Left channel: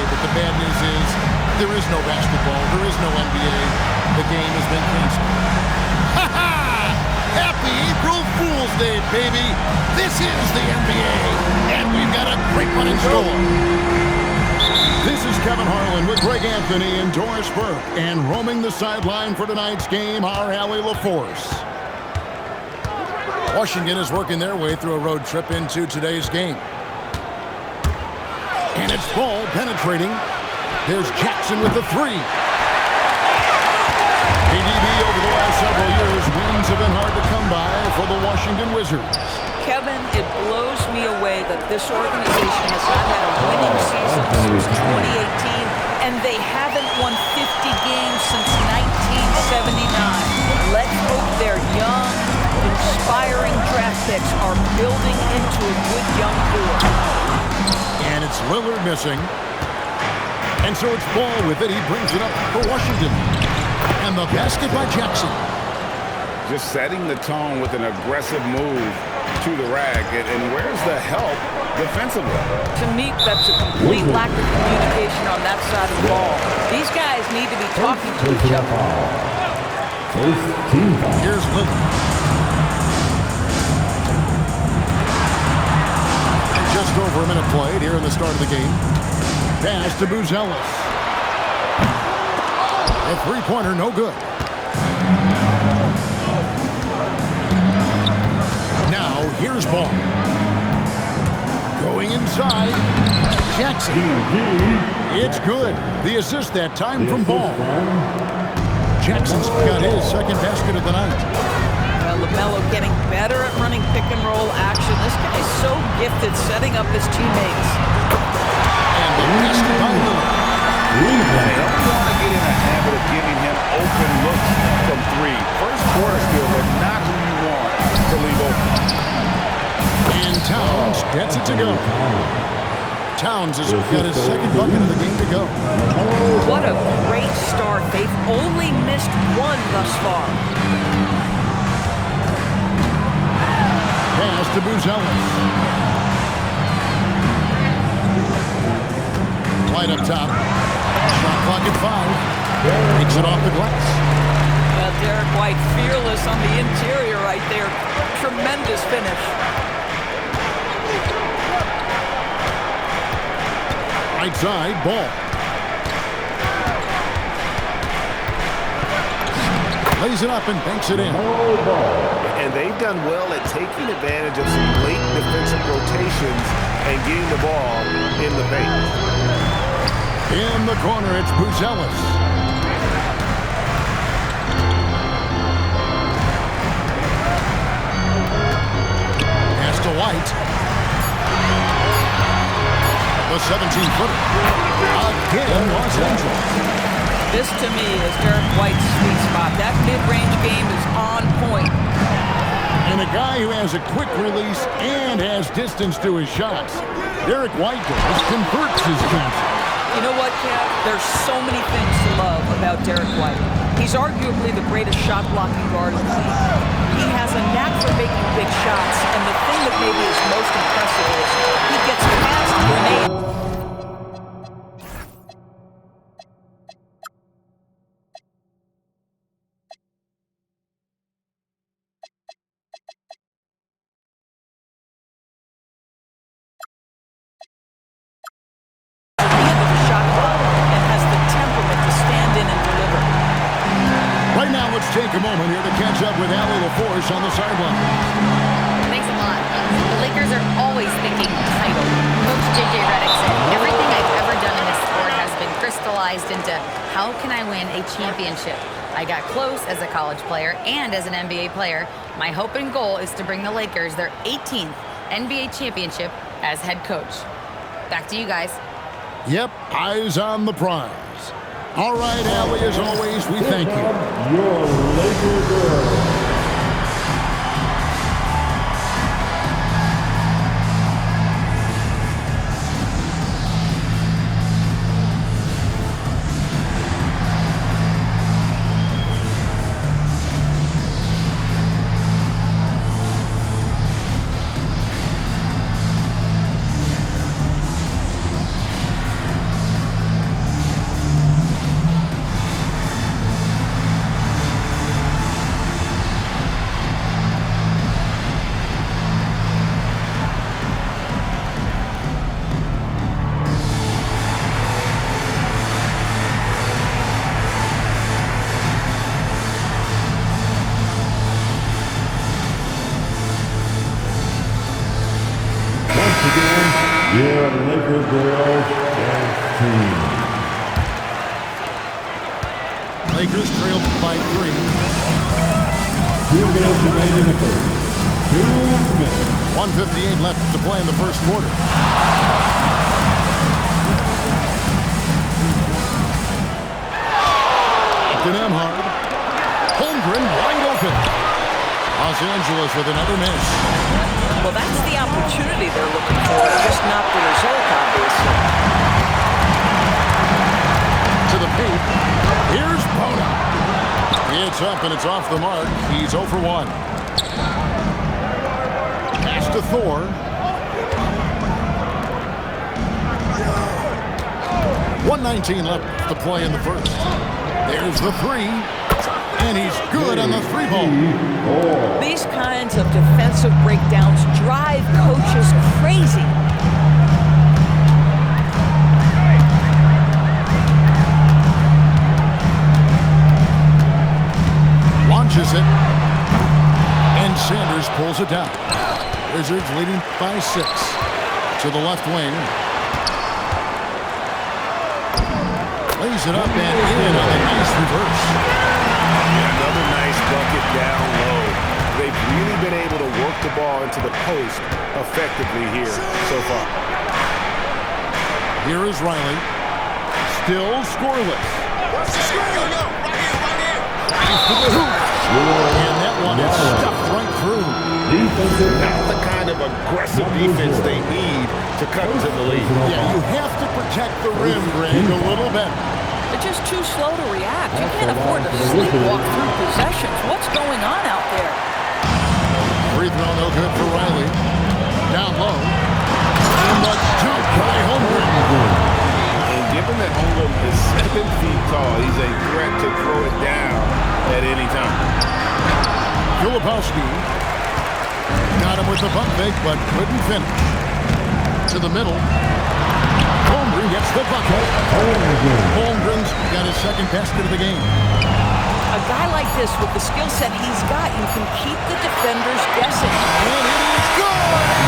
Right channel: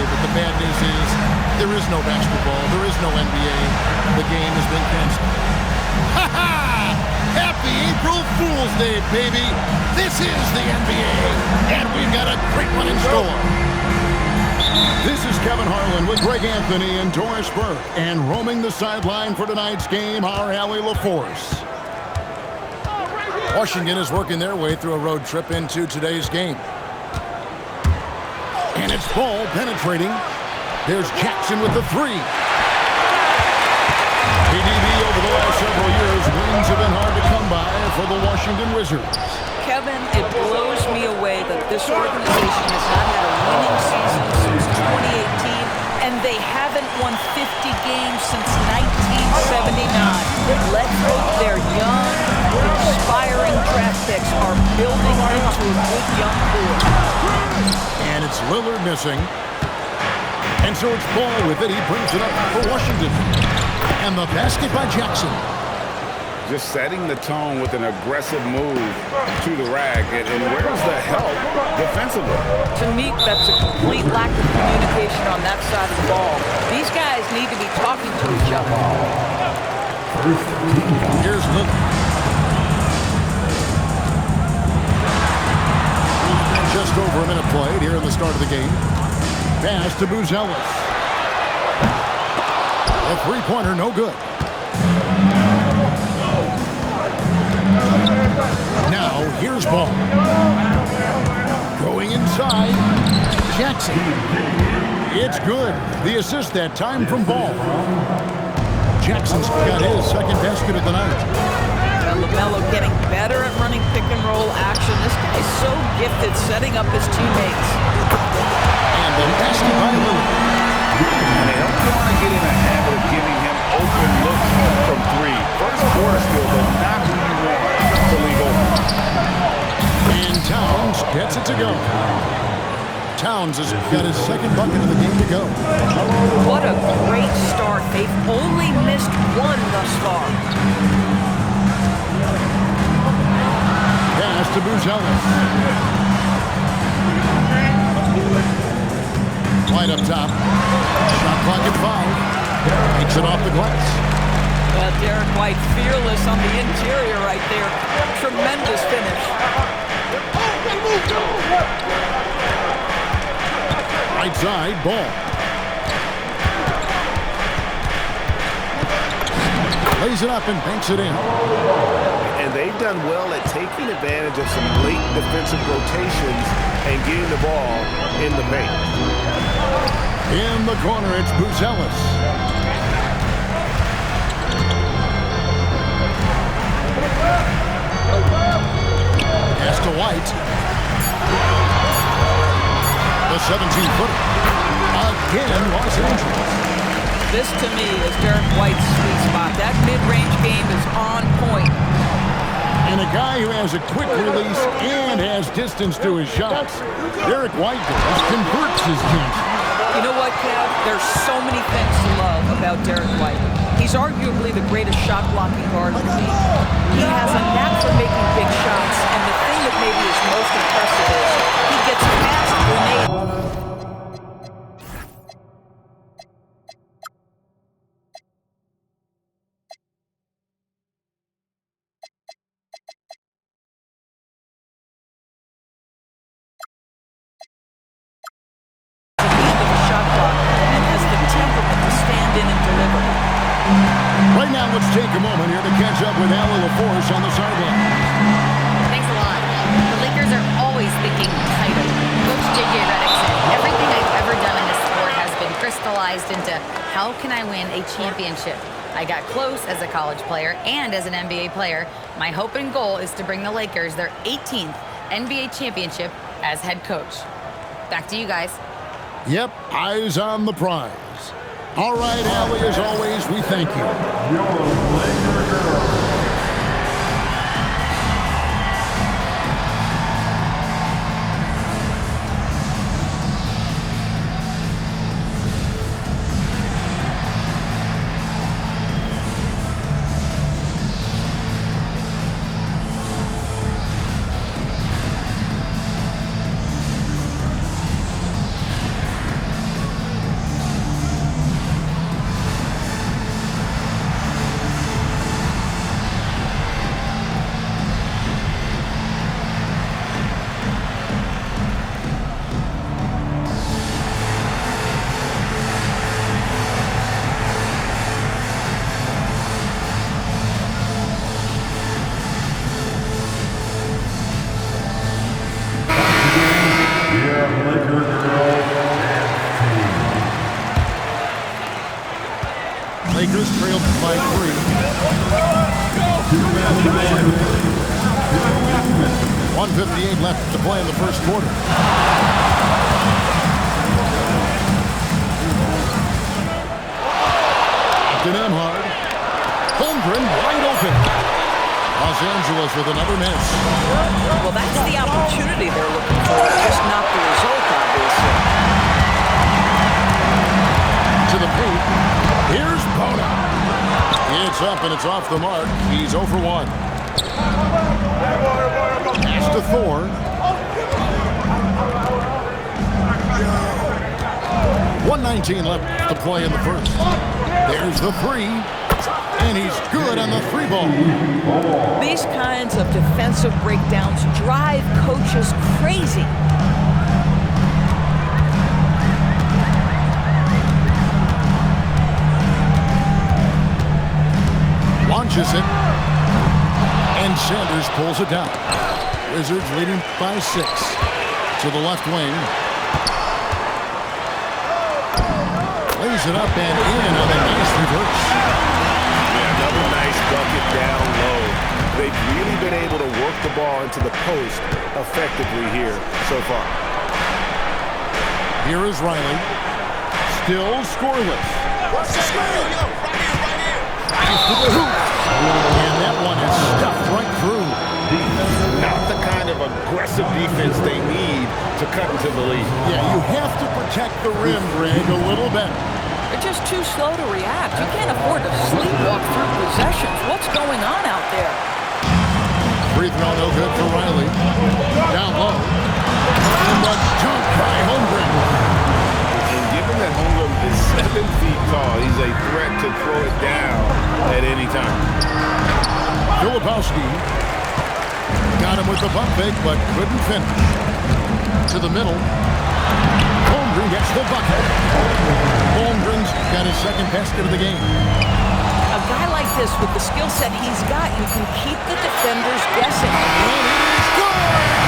NBA, but the bad news is there is no basketball. There is no NBA. The game has been canceled. Ha ha! Happy April Fool's Day, baby! This is the NBA, and we've got a great one in store. This is Kevin Harlan with Greg Anthony and Doris Burke, and roaming the sideline for tonight's game, our Allie LaForce. Washington is working their way through a road trip into today's game. And it's ball penetrating. There's Jackson with the three. PDB over the last several years, wins have been hard to come by for the Washington Wizards. Kevin, it blows me away that this organization has not had a winning season since 2018, and they haven't won 50 games since 1979. Let's hope their young, inspiring draft picks are building into a good young core. And it's Lillard missing. And so it's Ball with it. He brings it up for Washington. And the basket by Jackson. Just setting the tone with an aggressive move to the rack. And where's the help defensively? To me, that's a complete lack of communication on that side of the ball. These guys need to be talking to each other. First team foul. Here's Lillard. And just over a minute played here in the start of the game. Pass to Buzelis. A three-pointer, no good. Now, here's Ball. Going inside. Jackson. It's good. The assist that time from Ball. Jackson's got his second basket of the night. LaMelo getting better at running pick-and-roll action. This guy's so gifted setting up his teammates. And the basket by Lillard. And they don't want to get in a habit of giving him open looks from three. First quarter skill, but not who you want to leave open. And Towns gets it to go. Towns has got his second bucket of the game to go. What a great start. They've only missed one thus far. Pass to Buzelis. Right up top. Shot clock at 5. Takes it off the glass. Derek White fearless on the interior right there. Tremendous finish. Right side, Ball. Lays it up and banks it in. And they've done well at taking advantage of some late defensive rotations and getting the ball in the paint. In the corner, it's Buzelis. Pass to White. The 17-footer. Again, Los Angeles. This, to me, is Derek White's sweet spot. That mid-range game is on point. And a guy who has a quick release and has distance to his shots. Derek White does, converts his chances. You know what, Kev? There's so many things to love about Derek White. He's arguably the greatest shot-blocking guard in the league. He has a knack for making big shots, and the thing that maybe is most impressive is he gets past grenades. Shot clock and has the temperament to stand in and deliver. Right now, let's take a moment here to catch up with Allie LaForce on the sideline. Thanks a lot. The Lakers are always thinking title. Coach J.J. Redick said, everything I've ever done in this sport has been crystallized into how can I win a championship. I got close as a college player and as an NBA player. My hope and goal is to bring the Lakers their 18th NBA championship as head coach. Back to you guys. Yep, eyes on the prize. All right, Allie, as always, we thank you. Your Laker girl. Laker girls dance team. Lakers trailed by 3. 2 minutes to play in the first. 2.5 minutes. 1:58 left to play in the first quarter. To Nemhard. Holmgren wide open. Los Angeles with another miss. Well, that's the opportunity they're looking for, just not the result, obviously. To the paint. Here's Bona. It's up and it's off the mark. He's 0 for 1. Pass to Thor. 1:19 left to play in the first. There's the 3. And he's good on the 3 ball. These kinds of defensive breakdowns drive coaches crazy. Launches it. And Sanders pulls it down. Wizards leading by 6. To the left wing. Lays it up and in on a nice reverse. Yeah, another nice bucket down low. They've really been able to work the ball into the post effectively here so far. Here is Riley. Still scoreless. Tries to the hoop. And that one is stuffed right through. Not the kind of aggressive defense they need to cut into the lead. Yeah, you have to protect the rim, Greg, a little better. They're just too slow to react. You can't afford to sleepwalk through possessions. What's going on out there? Free throw no good for Riley. Down low. And the dunk by Holmgren. And given that Holmgren is 7 feet tall, he's a threat to throw it down at any time. Filipowski got him with the pump fake, but couldn't finish. To the middle. Holmgren gets the bucket. Holmgren's got his second basket of the game. A guy like this, with the skill set he's got, you can keep the defenders guessing. And it is good!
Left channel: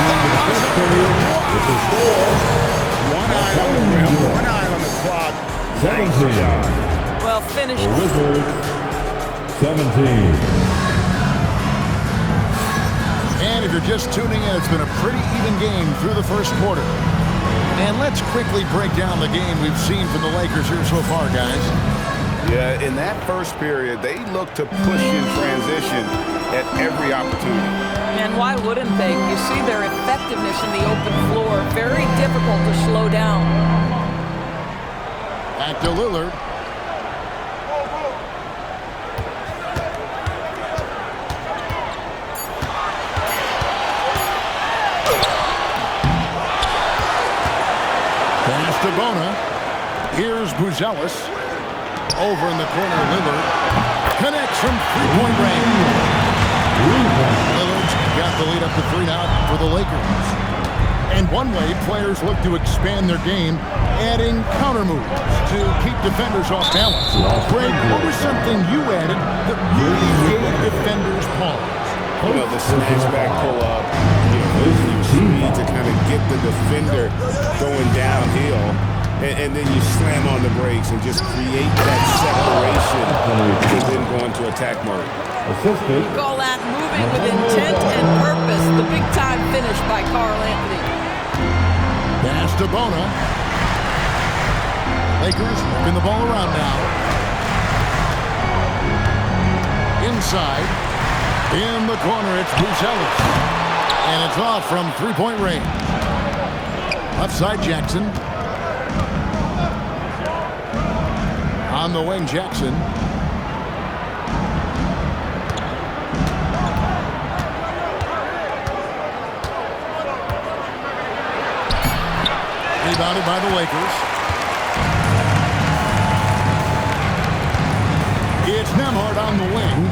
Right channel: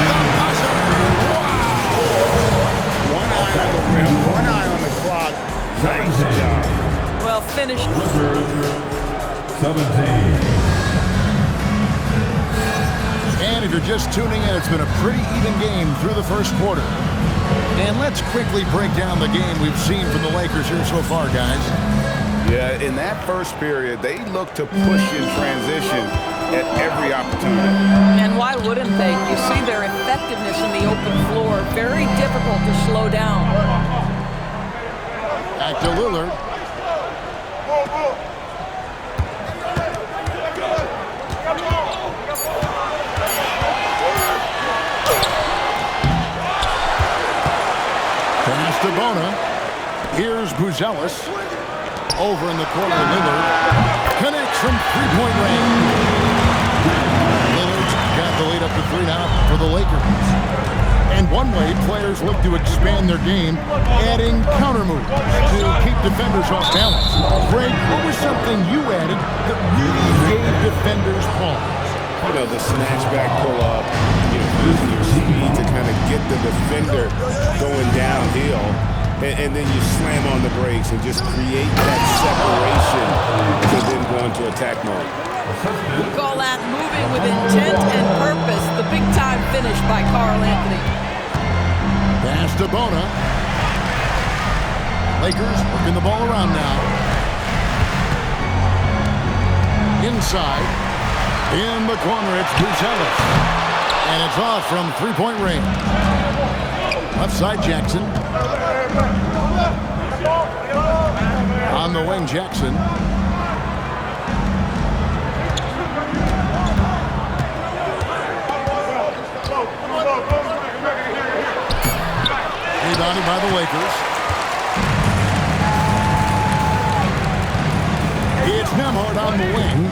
The buzzer! Wow! One eye on the rim, one eye on the clock. Nice job. Well, finished. Wizards 17. And if you're just tuning in, it's been a pretty even game through the first quarter. And let's quickly break down the game we've seen from the Lakers here so far, guys. Yeah, in that first period, they looked to push in transition at every opportunity. And why wouldn't they? You see their effectiveness in the open floor. Very difficult to slow down. Back to Lillard. Pass to Bona. Here's Buzelis. Over in the corner, Lillard. Connects from three-point range. Lillard's got the lead up to 3 now for the Lakers. And one way players look to expand their game, adding counter moves to keep defenders off balance. Greg, what was something you added that really gave defenders pause? You know, the snatch back pull up, using your speed to kind of get the defender going downhill, and then you slam on the brakes and just create that separation to then go into attack mode. You call that moving with intent and purpose. The big-time finish by Karl Anthony. Pass to Bona. Lakers working the ball around now. Inside. In the corner, it's Buzelis. And it's off from three-point range. Left side, Jackson. On the wing, Jackson. Rebounded by the Lakers. It's Nemhard on the wing.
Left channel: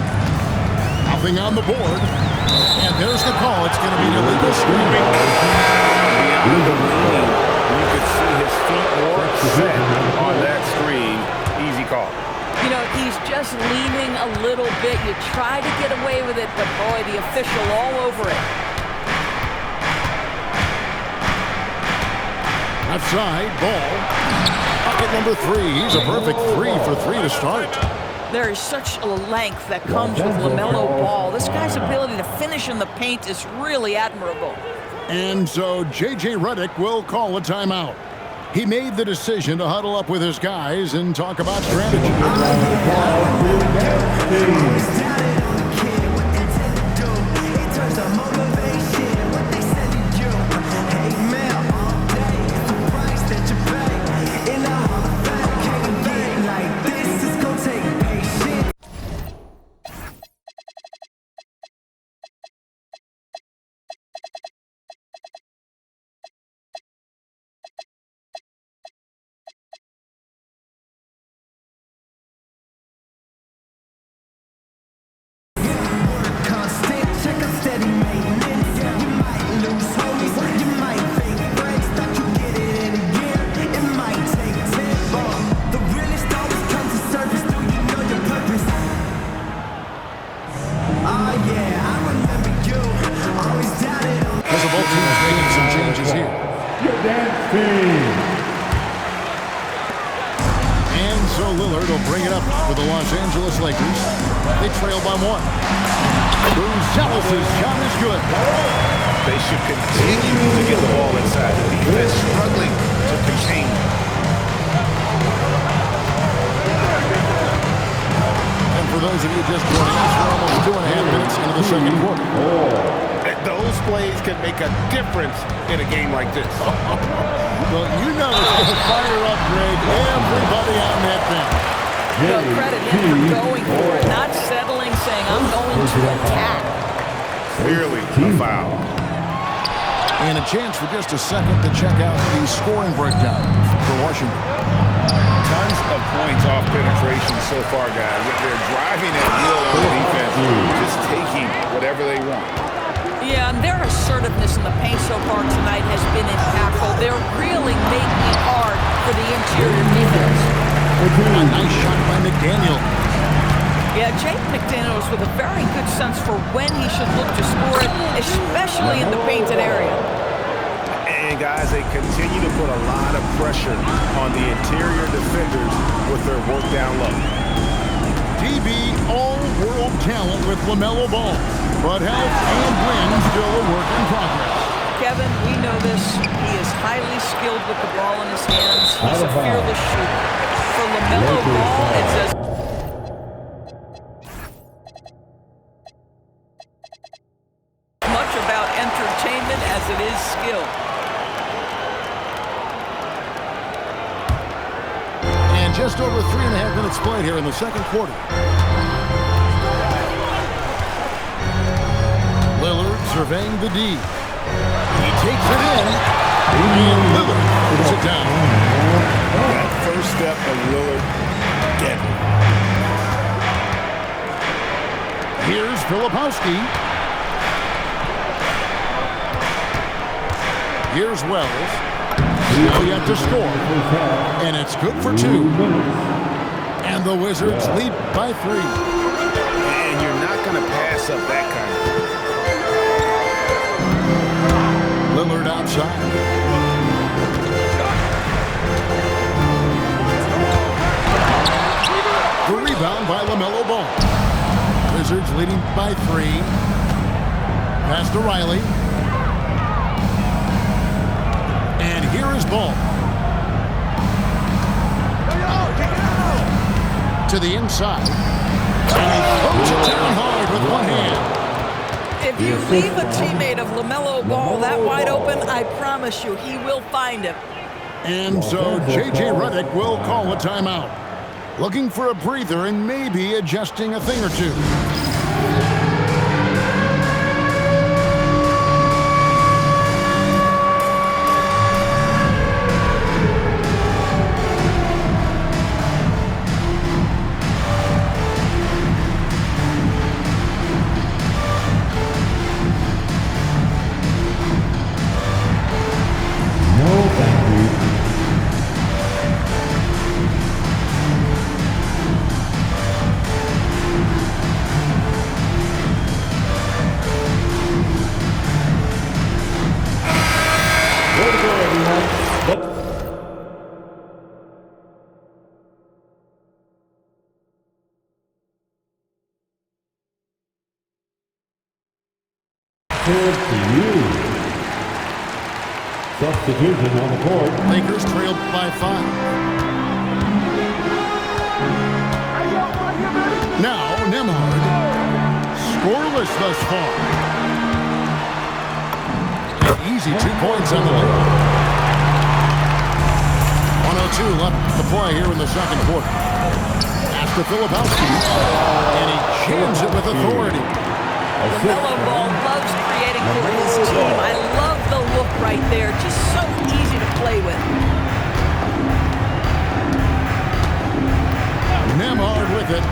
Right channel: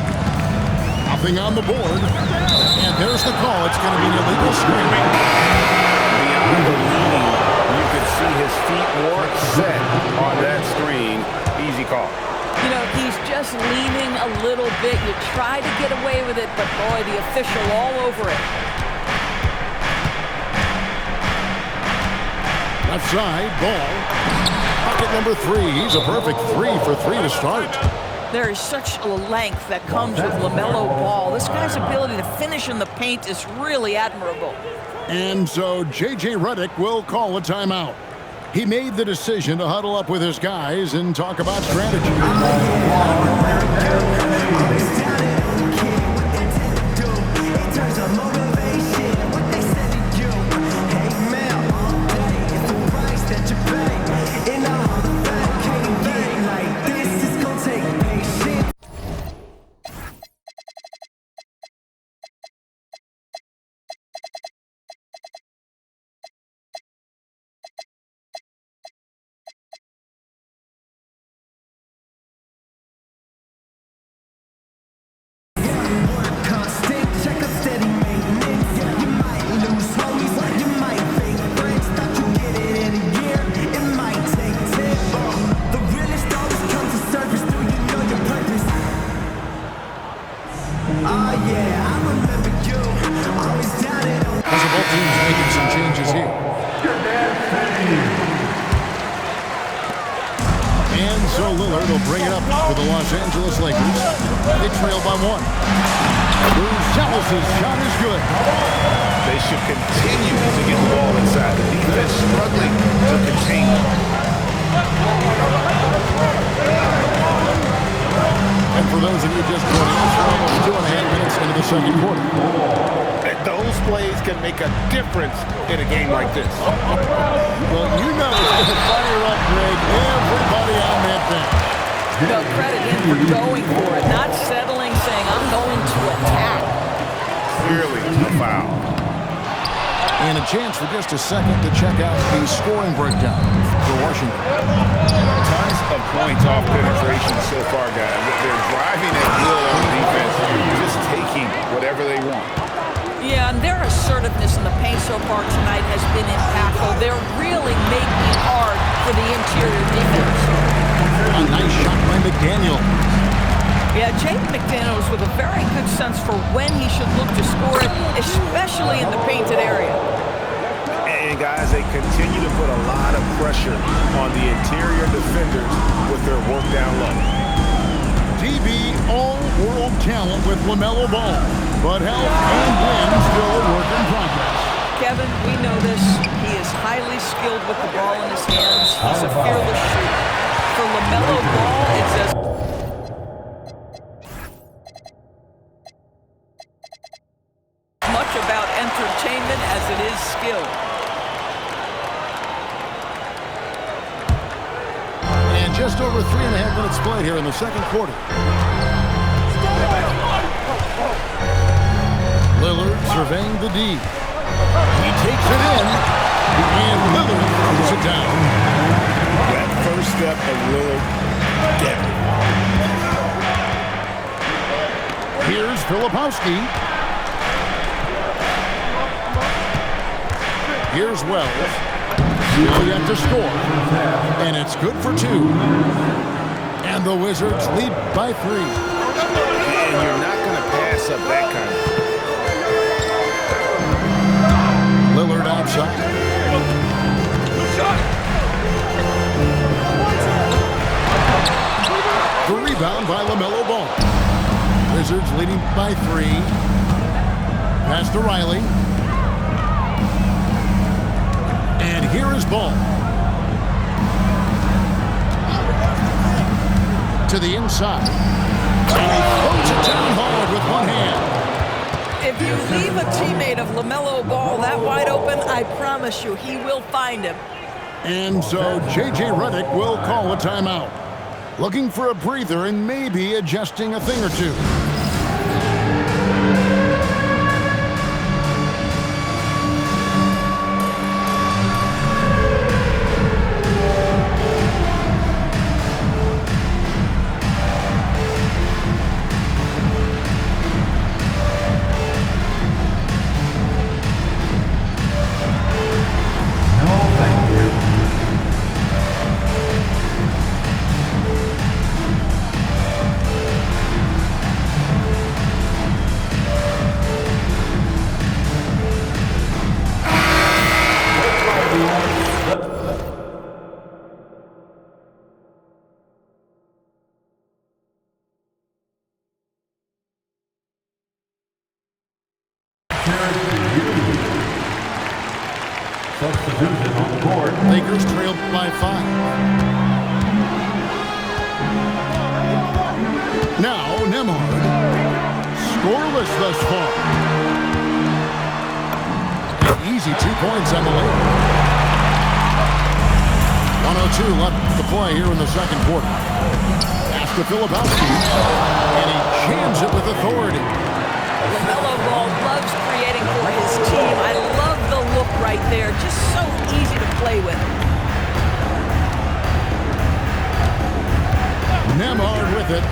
Nothing on the board. And there's the call. It's going to be an illegal screen. Beyond the lean, you could see his feet weren't set on that screen. Easy call. He's just leaning a little bit. You try to get away with it, but boy, the official all over it. Left side, ball. Bucket number 3. He's a perfect 3 for 3 to start. There is such a length that comes with LaMelo Ball. This guy's ability to finish in the paint is really admirable. And so J.J. Redick will call a timeout. He made the decision to huddle up with his guys and talk about strategy. Both teams making some changes here. And so Lillard will bring it up for the Los Angeles Lakers. They trail by 1. Gonzalez's shot is good. They should continue to get the ball inside. The defense struggling to contain them. And for those of you just joining us, we're almost 2.5 minutes into the second quarter. Those plays can make a difference in a game like this. Well, you know it's going to fire up, Greg, everybody on that bench. Well, credit him for going for it, not settling, saying, I'm going to attack. Clearly a foul. And a chance for just a second to check out the scoring breakdown for Washington. Tons of points off penetration so far, guys. They're driving at will on the defense, just taking whatever they want. Yeah, and their assertiveness in the paint so far tonight has been impactful. They're really making it hard for the interior defense. A nice shot by McDaniel. Yeah, Jaden McDaniels with a very good sense for when he should look to score it, especially in the painted area. And guys, they continue to put a lot of pressure on the interior defenders with their work down low. DB all-world talent with LaMelo Ball. But health and win still a work in progress. Kevin, we know this. He is highly skilled with the ball in his hands. He's a fearless shooter. For LaMelo Ball, it's as much about entertainment as it is skill. And just over 3.5 minutes played here in the second quarter. Lillard surveying the D. He takes it in, and Lillard throws it down. That first step of Lillard, deadly. Here's Filipowski. Here's Wells. Still yet to score, and it's good for 2. And the Wizards lead by 3. And you're not going to pass up that kind of. Lillard outside. The rebound by LaMelo Ball. Wizards leading by 3. Pass to Riley. And here is Ball. To the inside. And he throws it down hard with one hand. If you leave a teammate of LaMelo Ball that wide open, I promise you he will find him. And so J.J. Redick will call a timeout. Looking for a breather and maybe adjusting a thing or two. Substitution on the court. Lakers trailed by 5. Now Memberz, scoreless thus far. An easy 2 points on the lead. 1:02 left to play here in the second quarter. Pass to Filipowski, and he jams it with authority. LaMelo Ball loves creating for his team. I love the look right there. Just so easy to play with. Memberz with it.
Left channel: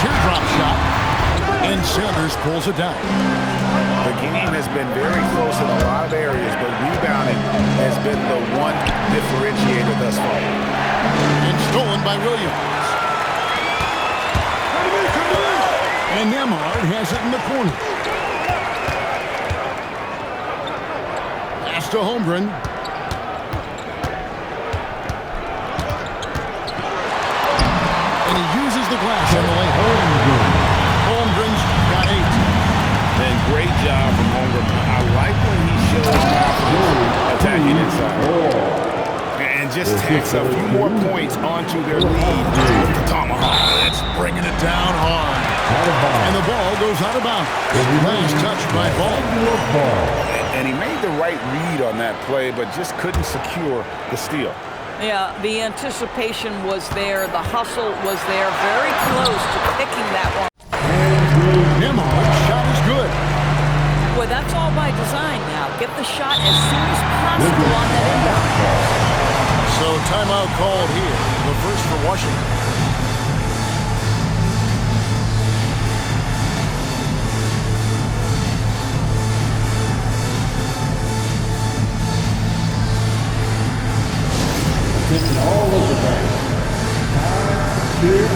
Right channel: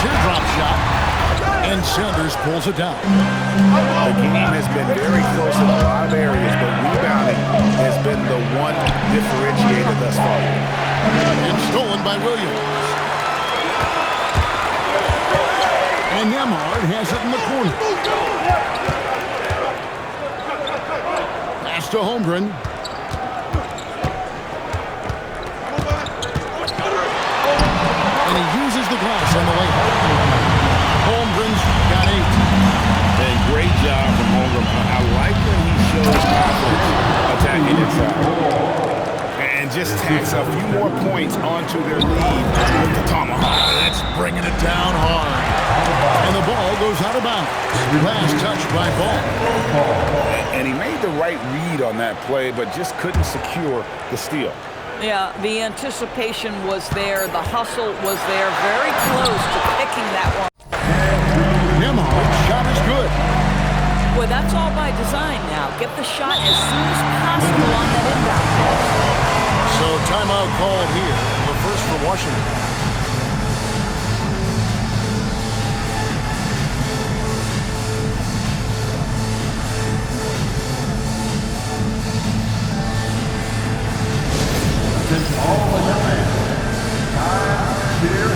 Teardrop shot, and Sanders pulls it down. The game has been very close in a lot of areas, but rebounding has been the one differentiator thus far. And stolen by Williams. And Memberz has it in the corner. Pass to Holmgren. And he uses the glass on the layup. Holmgren's got 8. And great job from Holmgren. I like when he shows confidence attacking inside. And just tacks a few more points onto their lead with the tomahawk. That's bringing it down hard. And the ball goes out of bounds. Last touch by Ball. And he made the right read on that play, but just couldn't secure the steal. Yeah, the anticipation was there. The hustle was there. Very close to picking that one. Memberz shot is good. Boy, that's all by design now. Get the shot as soon as possible on that inbound pass. So timeout called here. The first for Washington. Attention all Laker fans. Time, cheer.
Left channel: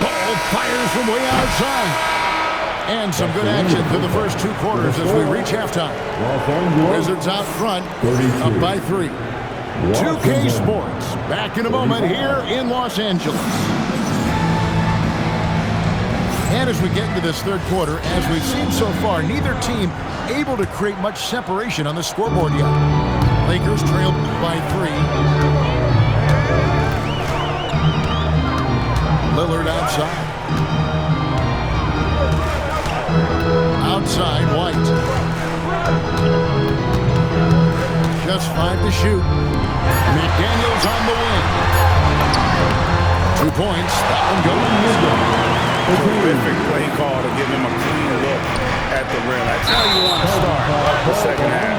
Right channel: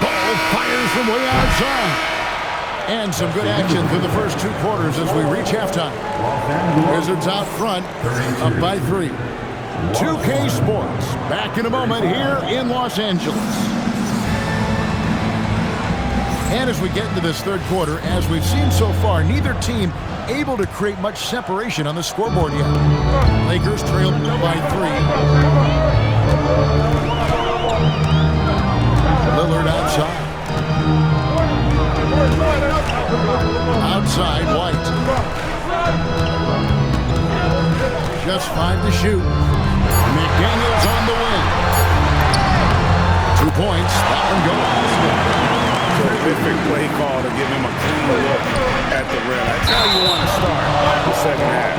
Ball fires from way outside. And some good action through the first 2 quarters as we reach halftime. Wizards out front, up by 3. 2K Sports, back in a moment here in Los Angeles. And as we get into this third quarter, as we've seen so far, neither team able to create much separation on the scoreboard yet. Lakers trail by 3. Lillard outside. Outside, White. Just 5 to shoot. McDaniels on the wing. 2 points. That one goes. Terrific play call to give him a clean look at the rim. That's how you want to start the second half.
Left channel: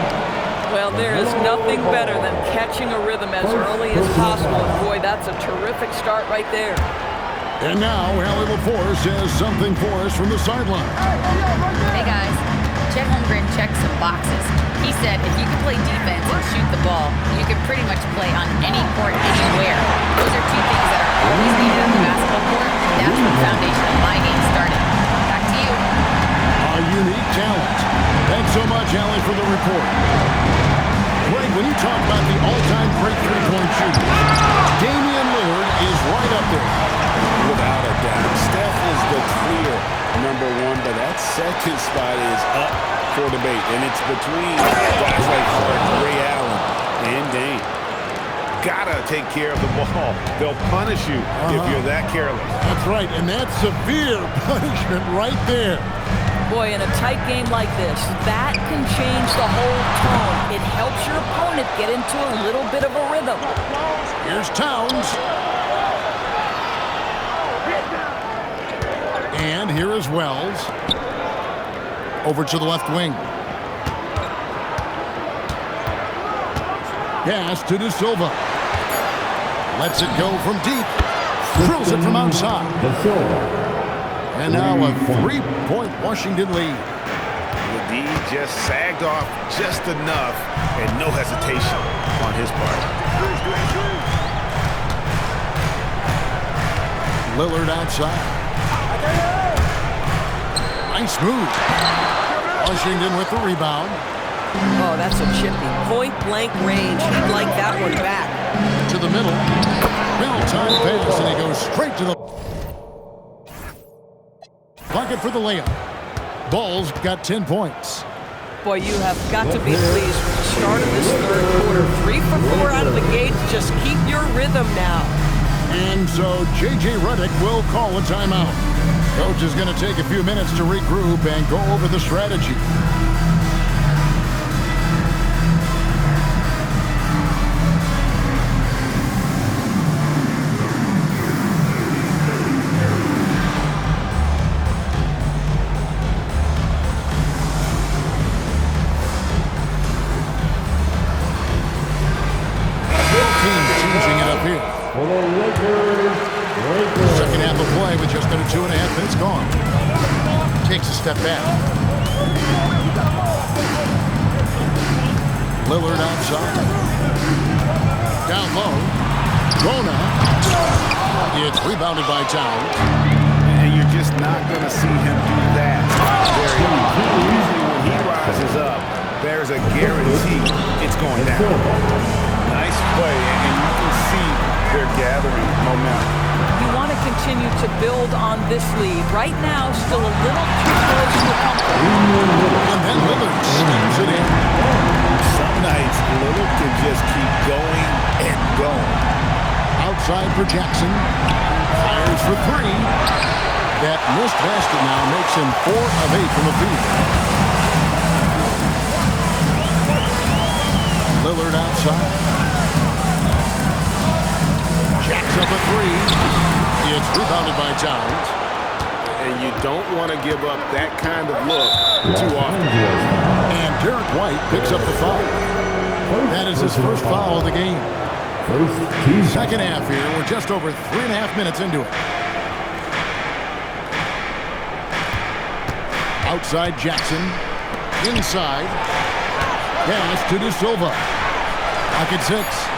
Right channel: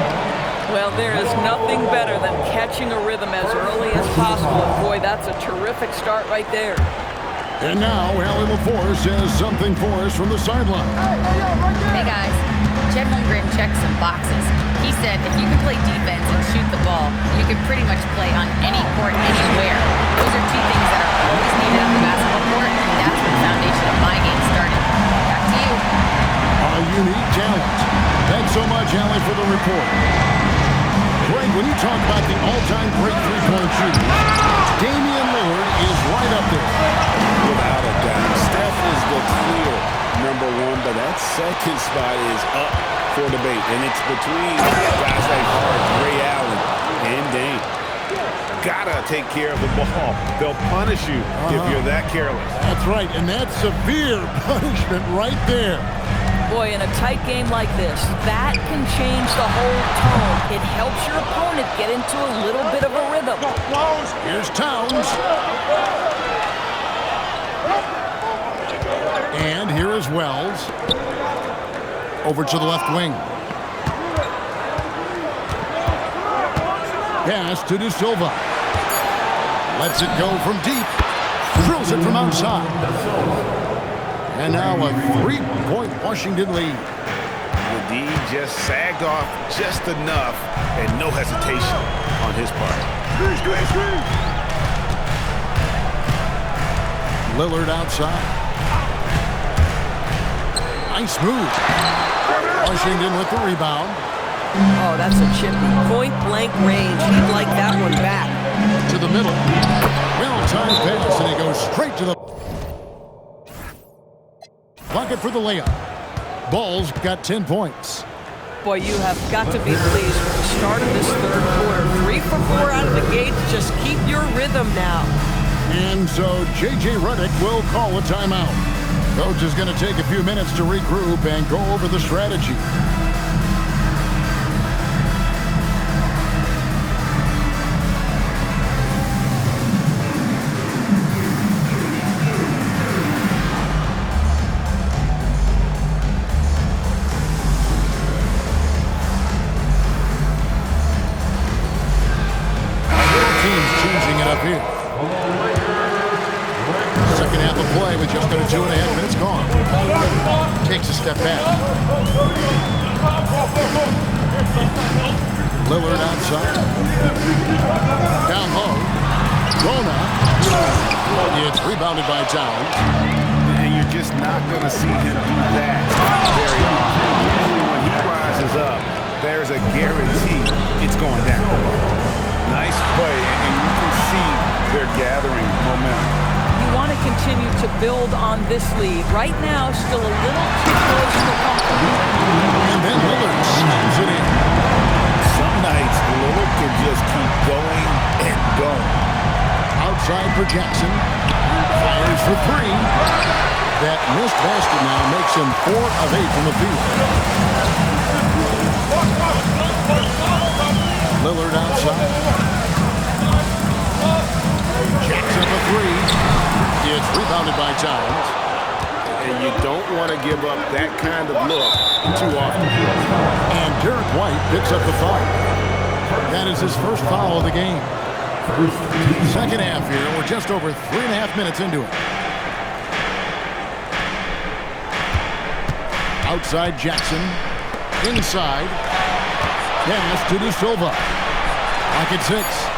Well, there is nothing better than catching a rhythm as early as possible. And boy, that's a terrific start right there. And now, Allie LaForce has something for us from the sideline. Hey, guys. Chet Holmgren checked some boxes. He said if you can play defense and shoot the ball, you can pretty much play on any court, anywhere. Those are 2 things that are always needed on the basketball court, and that's where the foundation of my game started. Back to you. A unique talent. Thanks so much, Allie, for the report. Greg, when you talk about the all-time great three-point shooters, Damian Lillard is right up there. Without a doubt. Steph is the clear #1, but that second spot is up for debate, and it's between guys like Harden, Ray Allen, and Dame. Gotta take care of the ball. They'll punish you if you're that careless. That's right, and that's severe punishment right there. Boy, in a tight game like this, that can change the whole tone. It helps your opponent get into a little bit of a rhythm. Here's Towns. And here is Wells. Over to the left wing. Pass to De Silva. Lets it go from deep. Drills it from outside. And now a 3-point Washington lead. The D just sagged off just enough and no hesitation on his part. Lillard outside. Nice move. Washington with the rebound. Oh, that's a chippy. Point-blank range. He'd like that one back. To the middle. Well-timed pass, and he goes straight to the bucket for the layup. Bulls got 10 points. Boy, you have got to be pleased with the start of this third quarter. 3 for 4 out of the gate. Just keep your rhythm now. And so J.J. Redick will call a timeout. Coach is going to take a few minutes to regroup and go over the strategy. Changing it up here. Second half of play with just under 2.5 minutes gone. Takes a step back. Lillard outside. Down low. Rona. It's rebounded by Towns. And you're just not going to see him do that very often. Usually when he rises up, there's a guarantee it's going down. Nice play, and you can see they're gathering momentum. You want to continue to build on this lead. Right now, still a little too close for comfort. And then Lillard slams it in. Some nights, Lillard can just keep going and going. Outside for Jackson. Fires for 3. That missed basket now makes him 4 of 8 from the field. Lillard outside. Jacks up a 3. It's rebounded by Towns. And you don't want to give up that kind of look too often. And Derek White picks up the foul. That is his first foul of the game. Second half here. We're just over 3.5 minutes into it. Outside Jackson. Inside. Pass to De Silva. Pocket 6.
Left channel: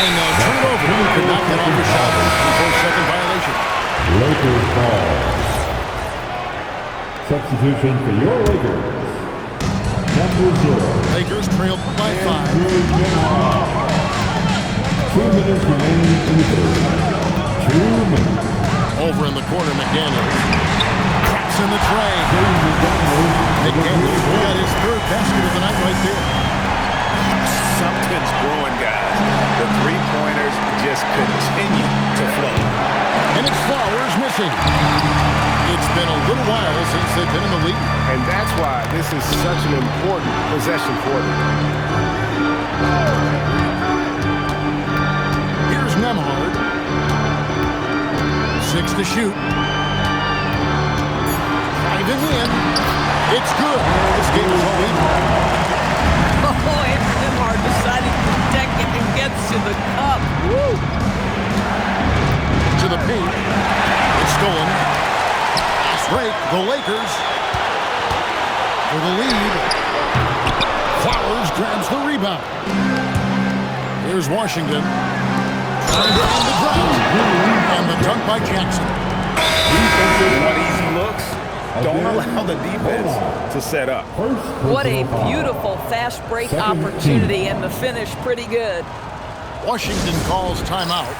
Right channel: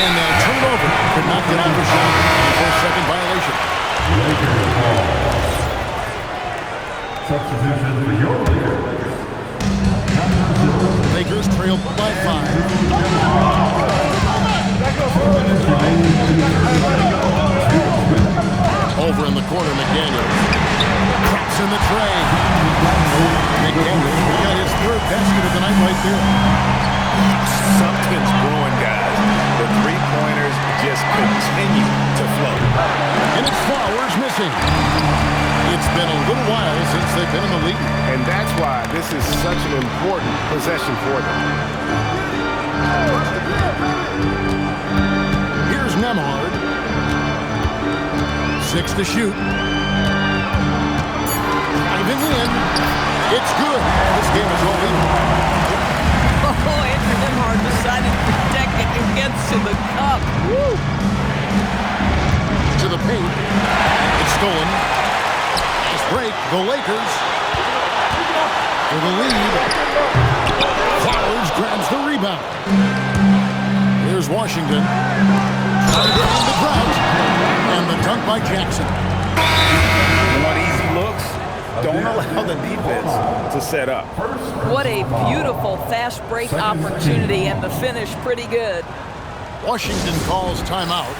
And they'll turn it over. Could not get off a shot before second violation. Lakers ball. Substitution for your Lakers. Number 0. Lakers trail by 5. 2 minutes remaining in the third. 2 minutes. Over in the corner, McDaniels. Traps in the tray. McDaniels got his third basket of the night right there. Something's brewing, guys. The three-pointers just continue to flow. And it's Flowers missing. It's been a little while since they've been in the lead. And that's why this is such an important possession for them. Here's Memberz. 6 to shoot. Driving in. It's good. This game is all even. Oh, Andrew Memberz decided to protect it and gets to the cup. Woo! To the paint. It's stolen. Pass break. The Lakers. For the lead. Flowers grabs the rebound. Here's Washington. Trying to end the drought. And the dunk by Jackson. You want easy looks? Don't allow the defense to set up. What a beautiful fast break opportunity, and the finish pretty good. Washington calls timeout.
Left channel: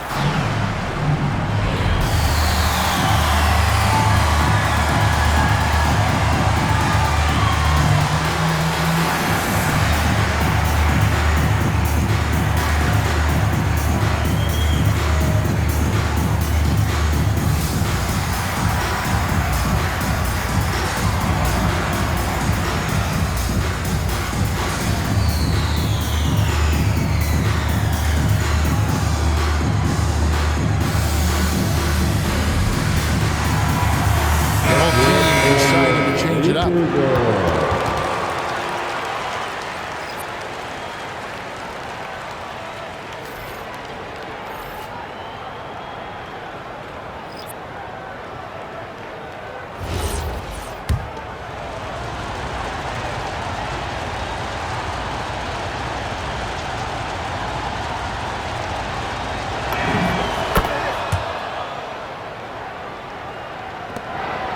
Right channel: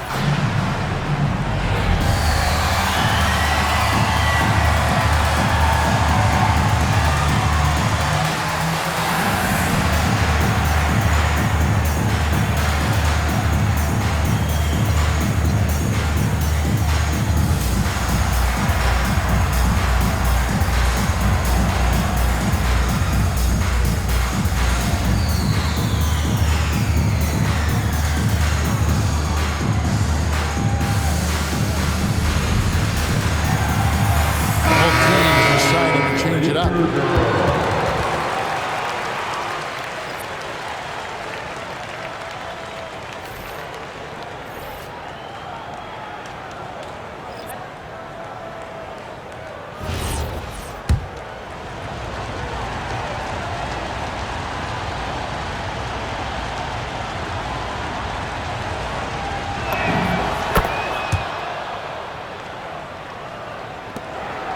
change it up.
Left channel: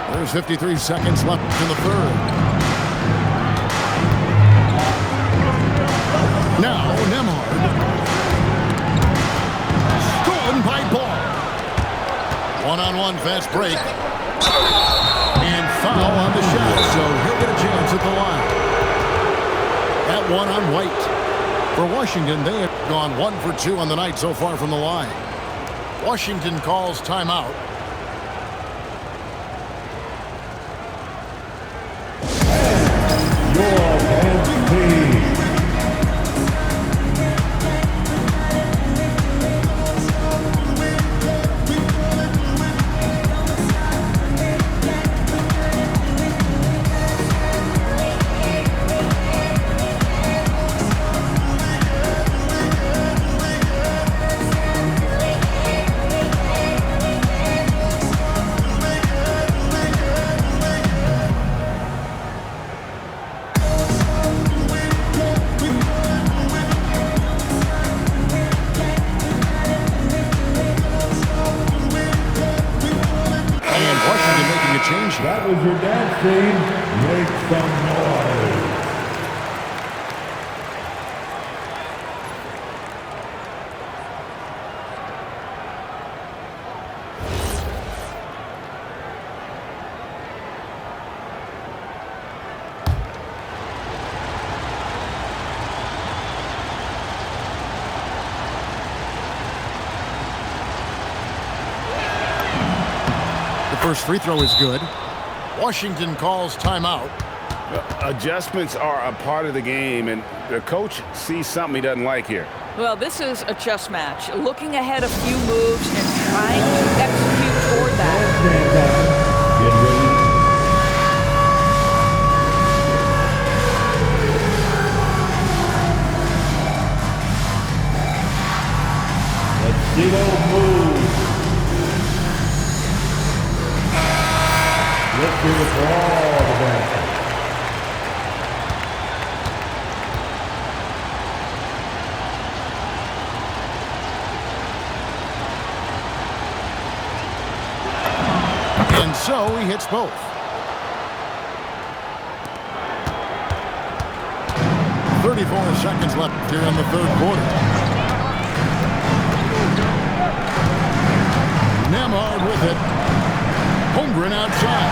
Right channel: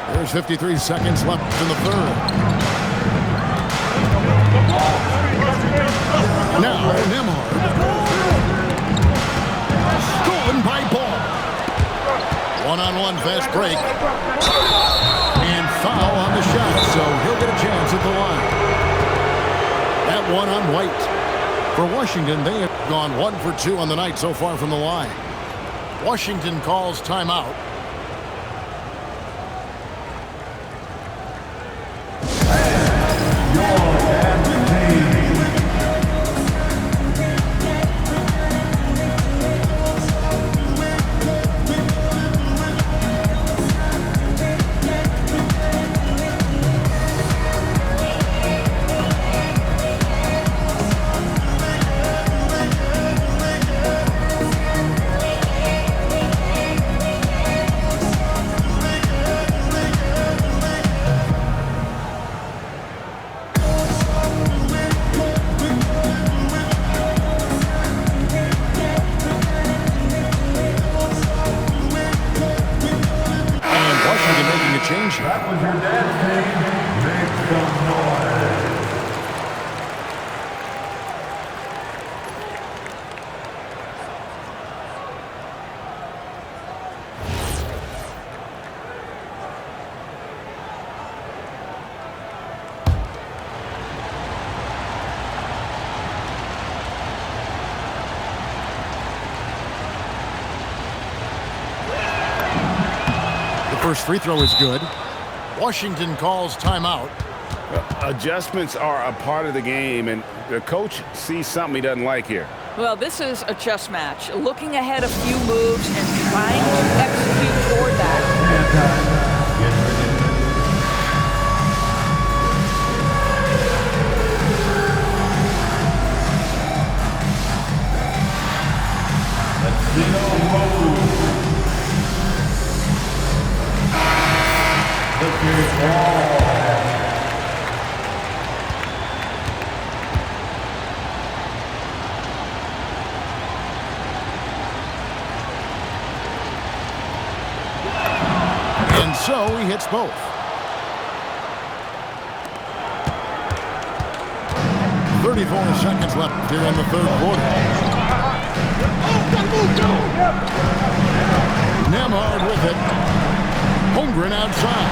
There's 53 seconds left in the third. Now, Memberz. Stolen by Ball. One-on-one fast break. And foul on the shot, so he'll get a chance at the line. That one on White. For Washington, they have gone 1 for 2 on the night so far from the line. Washington calls timeout. Making a change here. That was your dance team. Make some noise. First free throw is good. Washington calls timeout. Adjustments are a part of the game, and the coach sees something he doesn't like here. Well, this is a chess match. Looking ahead a few moves and trying to execute toward that. Move. Let's hear it for all of that. And so he hits both. "34 seconds left here in the third quarter. Memberz with it. Holmgren outside.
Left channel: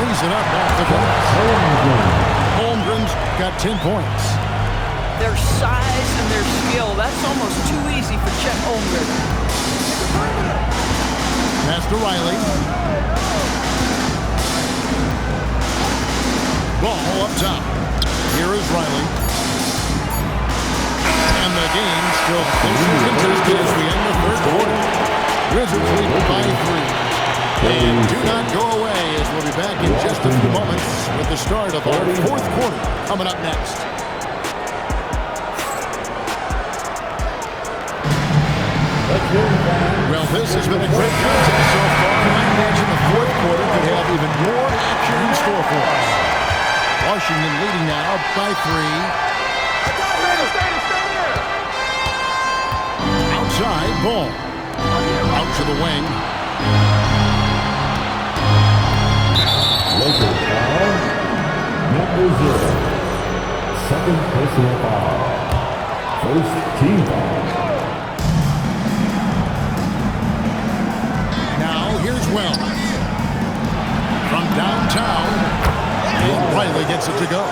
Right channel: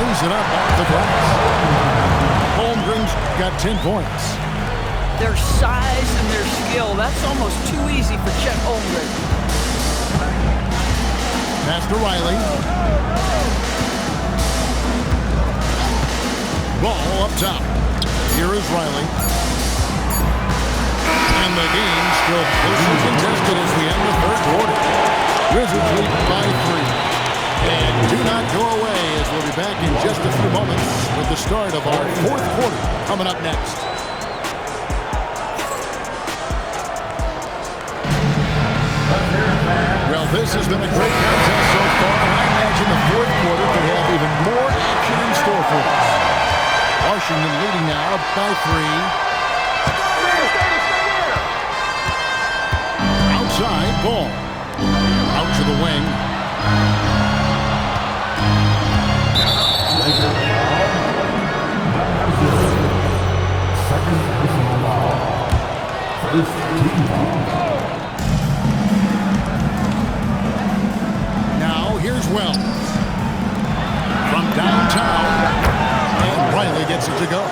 Lays it up off the glass. Holmgren's got 10 points. Their size and their skill, that's almost too easy for Chet Holmgren. Pass to Riley. Ball up top. Here is Riley. And the game still closely contested as we end the third quarter. Wizards lead by 3. And do not go away, as we'll be back in just a few moments with the start of our fourth quarter coming up next. Well, this has been a great contest so far, and I imagine the fourth quarter could have even more action in store for us. Washington leading now by 3. Outside, Ball. Out to the wing. Lakers foul. Number 0. Second personal foul. First team foul. Now here's Wells. From downtown. And Riley gets it to go.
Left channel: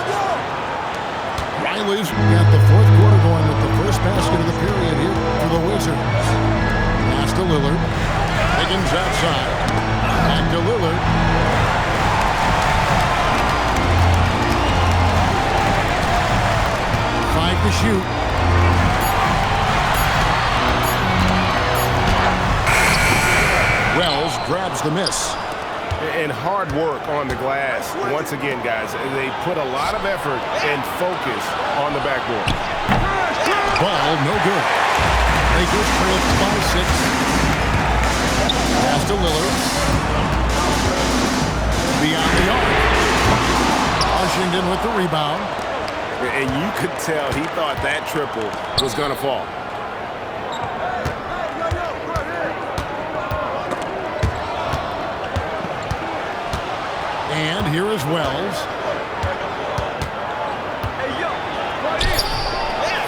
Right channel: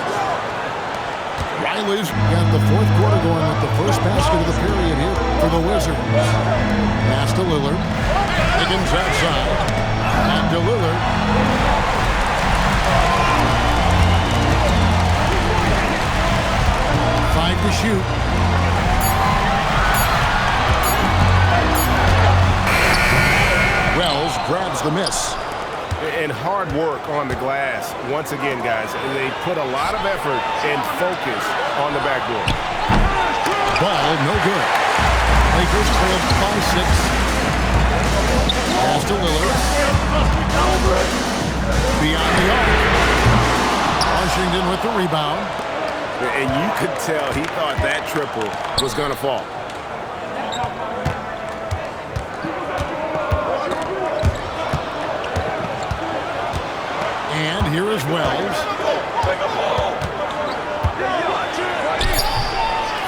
Riley's got the fourth quarter going with the first basket of the period here for the Wizards. Pass to Lillard. Higgins outside. Back to Lillard. Five to shoot. Wells grabs the miss. And hard work on the glass. Once again, guys, they put a lot of effort and focus on the backboard. Ball no good. Lakers trail by 6. Pass to Lillard. Beyond the arc. Washington with the rebound. And you could tell he thought that triple was going to fall. And here is Wells.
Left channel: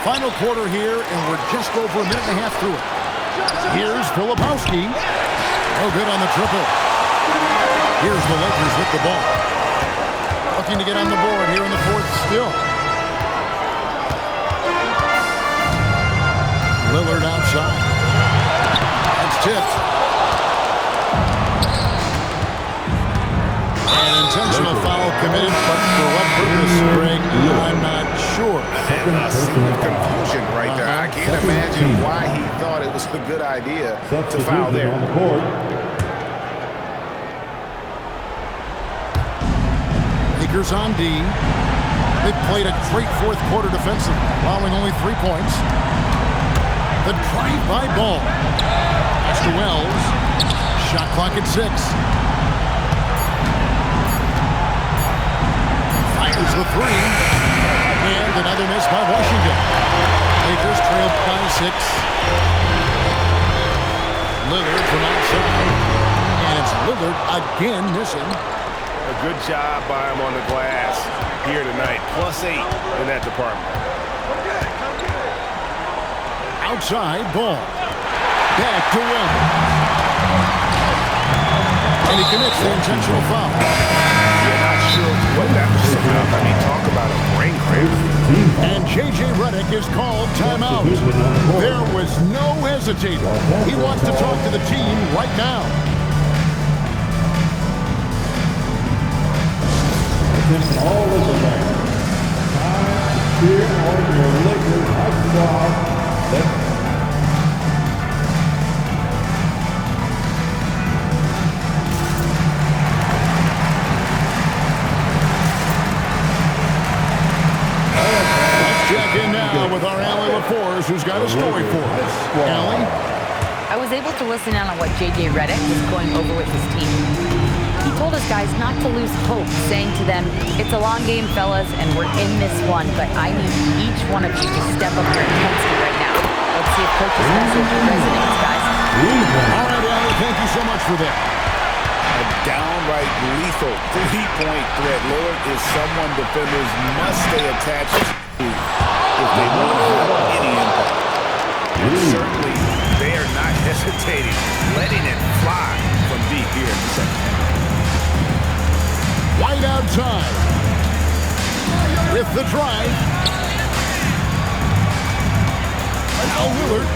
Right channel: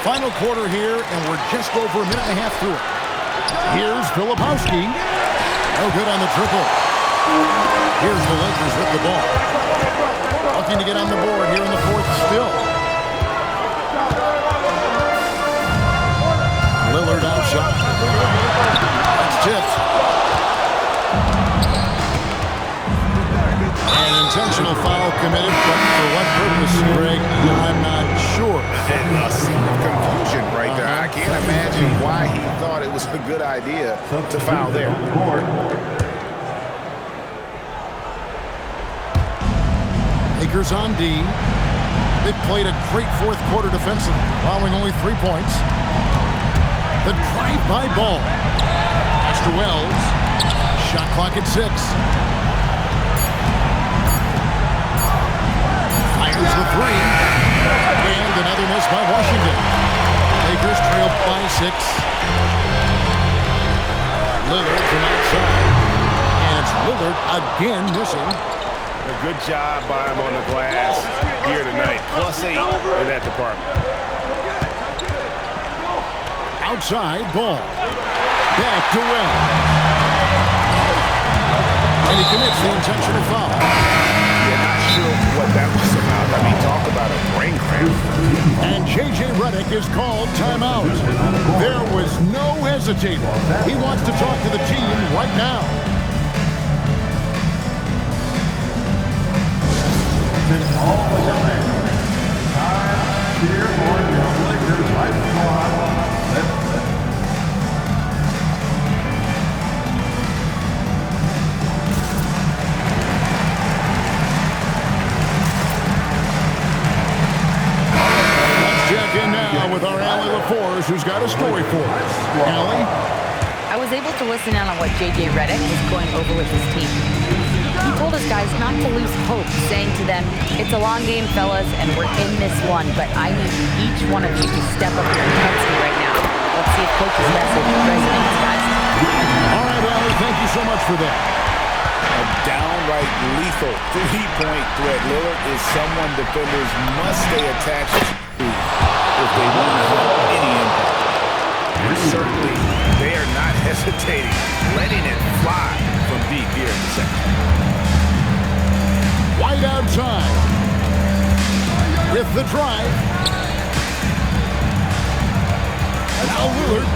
Final quarter here, and we're just over a minute and a half through it. Here's Filipowski. No good on the triple. Here's the Lakers with the ball. Looking to get on the board here in the fourth still. Lillard outside. That's tipped. An intentional foul committed, but for what purpose, Greg, I'm not sure. And a scene of confusion right there. I can't imagine why he thought it was a good idea to foul there. Lakers on D. They've played a great fourth quarter defensively, allowing only 3 points. The drive-by ball. Pass to Wells. Shot clock at 6. Fires the 3. And another miss by Washington. Lakers trail by 6. Lillard from outside. And it's Lillard again missing. A good job by him on the glass here tonight. +8 in that department. Outside ball. Back to Wells. And he commits the intentional foul. Yeah, not sure what that was about. I mean, talk about a brain cramp. And J.J. Redick is called timeout. There was no hesitating. He wants to talk to the team right now. This all is a man. Time, cheer on your Lakers high squad. Let's check in now with our Allie LaForce, who's got a story for us. Allie? I was able to listen in on what J.J. Redick was going over with his team. He told his guys not to lose hope, saying to them, it's a long game, fellas, and we're in this one, but I need each one of you to step up your intensity right now. Let's see if Coach's message resonates, guys. All right, Allie, thank you so much for that. A downright lethal three-point threat. Lillard is someone defenders must stay attached to if they want to have any impact. And certainly, they are not hesitating, letting it fly from deep here in the second half. White outside. With the drive. Now Lillard.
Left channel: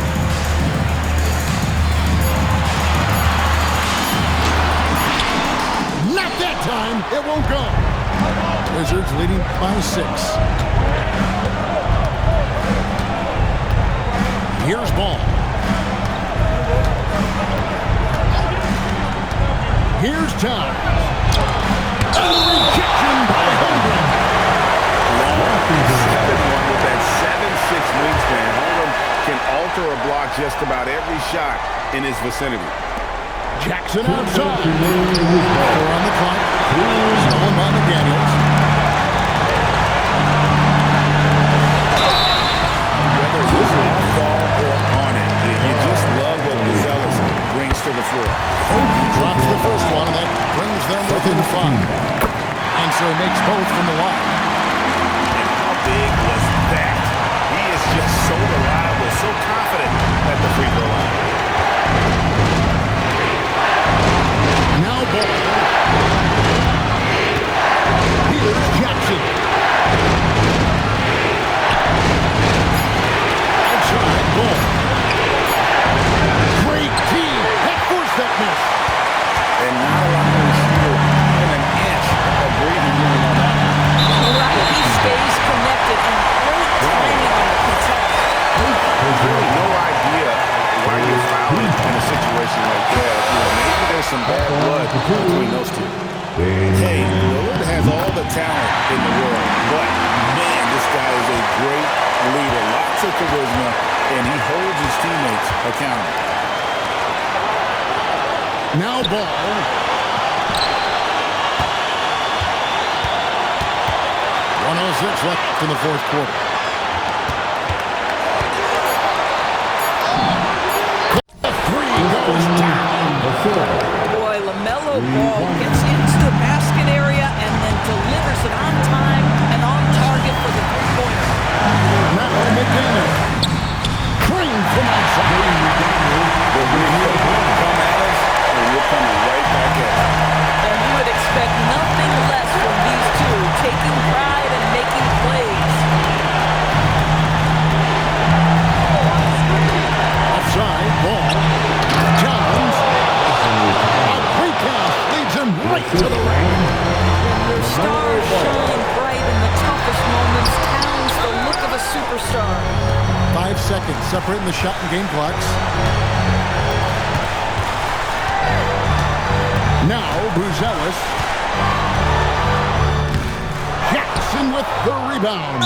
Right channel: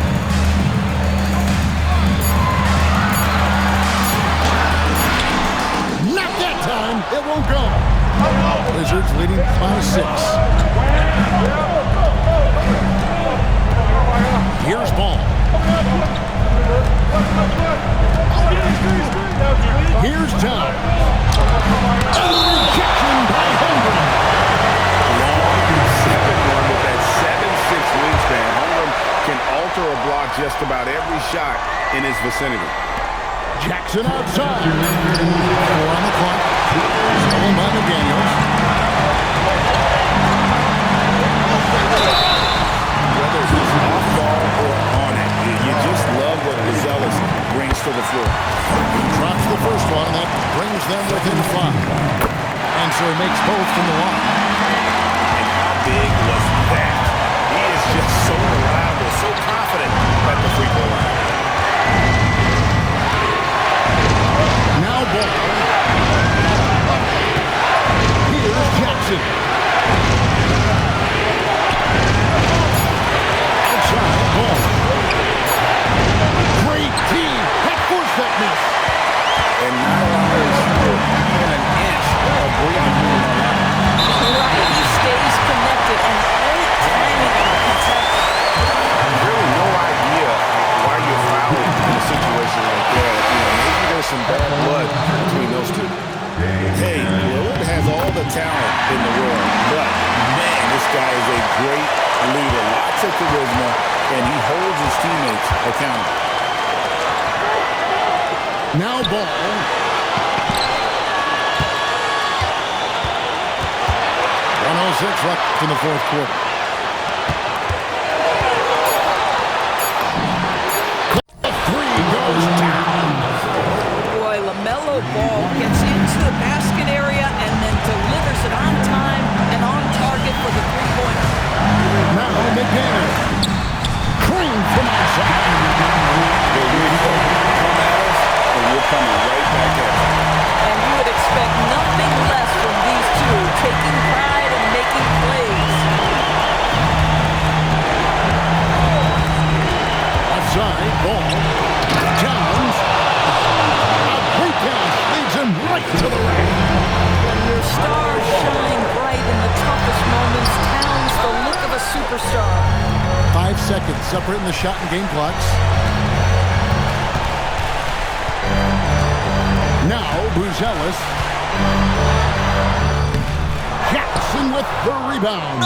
Not that time. It won't go. Wizards leading by 6. Here's ball. Here's Towns. And the rejection by Holmgren. Long 7-1 with that 7'6" wingspan. Holmgren can alter a block just about every shot in his vicinity. Jackson outside. 4 on the clock. Stolen by McDaniels. Whether he's off ball or on it, you just love what Gonzalez brings to the floor. He drops the first one, and that brings them within 5. And so he makes both from the line. And how big was that? He is just so reliable, so confident at the free throw line. Now ball. Here's Jackson. Outside ball. Great team. That forced that miss. And not allowing the shooter even an inch of breathing room on that one. Right, he stays connected, and great timing on the contest. There's really no idea why you're fouling in a situation like that. You know, maybe some bad blood between those two. Hey, Lillard has all the talent in the world, but, man, this guy is a great leader. Lots of charisma, and he holds his teammates accountable. Now ball. .106 left in the fourth quarter. The three goes down. Boy, LaMelo Ball gets into the basket area and then delivers it on time and on target for the three-pointer. Now McDaniel. Cream from outside. The real come at us, and we're coming right back at you. And you would expect nothing less from these two, taking pride and making plays. Offside, ball. Towns. A great pass leads him right to the ring. When your stars shine bright in the toughest moments, Towns the look of a superstar. 5 seconds separating the shot and game clocks. Now Buzelis. Jackson with the rebound.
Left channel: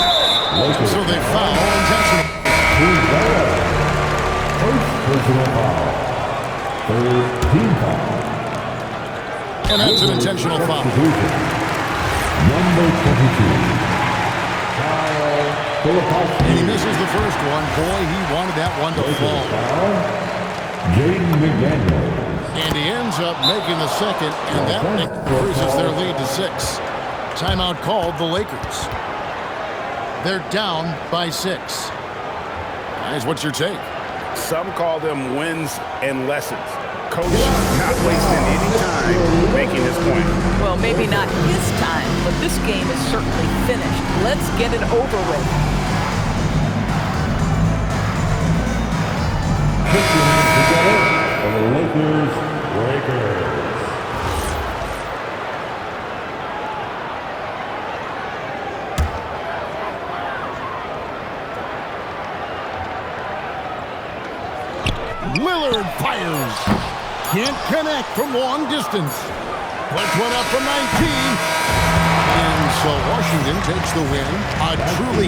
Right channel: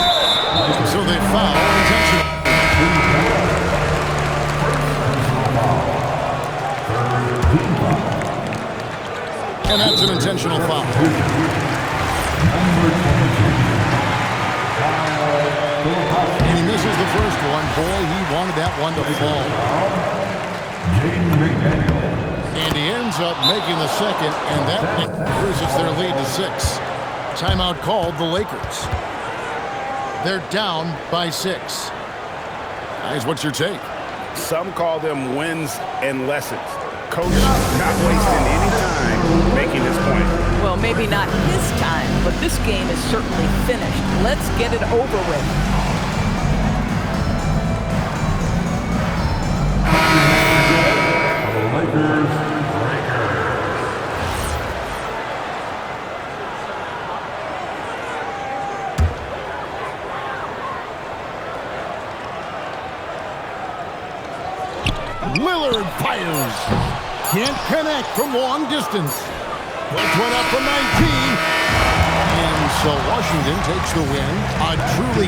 So they foul intentionally. First personal foul. Third team foul. And that's an intentional foul. Number 22. And he misses the first one. Boy, he wanted that one to fall. Jaden McDaniel. And he ends up making the second, and that increases their lead to 6. Timeout called the Lakers. They're down by 6. Guys, what's your take? Some call them wins and lessons. Coach not wasting any time making his point. Well, maybe not his time, but this game is certainly finished. Let's get it over with. For the Lakers. Lillard fires. Can't connect from long distance. Puts one up from 19. And so Washington takes the win. A truly